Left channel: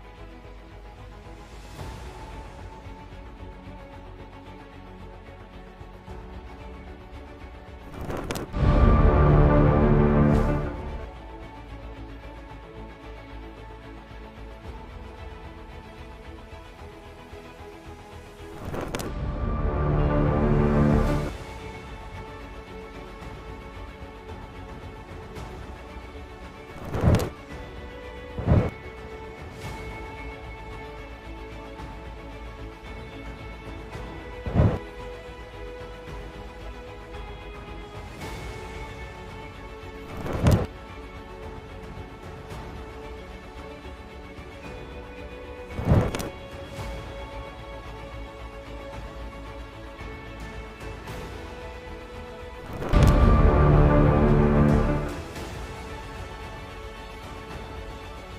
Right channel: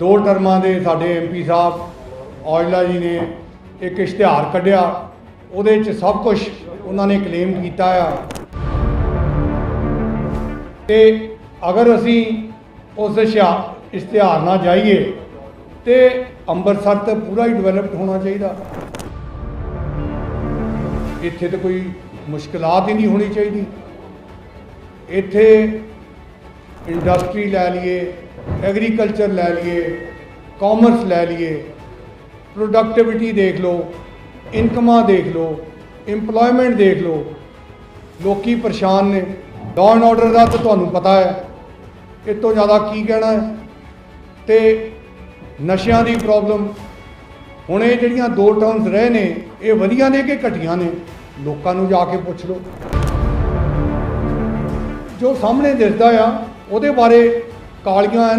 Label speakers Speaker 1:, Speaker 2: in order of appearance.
Speaker 1: ਦੋ ਟਰਮਾਂ ਦੇ ਸਾਡੇ ਐਮਪੀ ਸਾਹਿਬ ਔਜਲਾ ਜੀ ਨੇ ਇੱਕ ਇਸ਼ਤਿਹਾਰ ਕੱਢਿਆ। ਉਹਦੇ 'ਚ ਸਭ ਕੁਝ ਉਹਨਾਂ ਨੇ ਕਲੇਮ ਕੀਤਾ ਆ। ਤੇ ਅਗਰ ਅਸੀਂ ਉਸ ਇਸ਼ਿਆ- ਇਸ਼ਤਿਹਾਰ ਨਾਲ ਜਾਈਏ, ਤੇ ਅੰਮ੍ਰਿਤਸਰ ਤੇ ਪੂਰਾ ਹੀ ਡਿਵੈਲਪਡ ਹੋਣਾ ਚਾਹੀਦਾ। ਇੱਥੇ ਤੇ ਕੋਈ ਮੁਸ਼ਕਲਾਤ ਹੀ ਨਹੀਂ ਹੋਣੀ ਚਾਹੀਦੀ। ਇੱਥੇ ਇੰਡਸਟਰੀ ਲੈ ਲਈਏ ਐਗਰੀਕਲਚਰ ਲੈ ਲਈਏ ਕਾਮਰਸ ਲੈ ਲਈਏ ਪ੍ਰੋਡਕਟਿਵਿਟੀ ਦੇਖ ਲਓ ਇਨਕਮਾਂ ਦੇਖ ਲਓ, EMPLOYMENT ਦੇਖ ਲਓ, ਲੋਕੀ ਪਰੇਸ਼ਾਨ ਨੇ। ਲਾਅ ਐਂਡ ਆਰਡਰ ਦਾ ਤਾਂ ਤੁਹਾਨੂੰ ਪਤਾ ਹੈ ਇਸ ਤੋਂ ਜ਼ਿਆਦਾ ਕੀ ਕਹਿਣਾ ਹੈ? ਤੇ ਨਸ਼ਿਆਂ ਦੀ ਪ੍ਰੋਬਲਮ ਹੁਣ ਇਹ ਜਿਹੜੀਆਂ ਦੋ ਟਰਮਸ ਰਹੇ ਨੇ, ਇਹ ਵਧੀਆ ਨੇ ਕਿ ਘਟੀਆਂ ਨੇ? ਲੋਕਾਂ ਨੂੰ ਜਾ ਕੇ ਪੁੱਛ ਲਓ। ਜੋ ਸਾਹਮਣੇ ਦਿਸਦਾ ਆ ਉਹਦੇ ਬਾਰੇ ਕਾਲੀਆਂ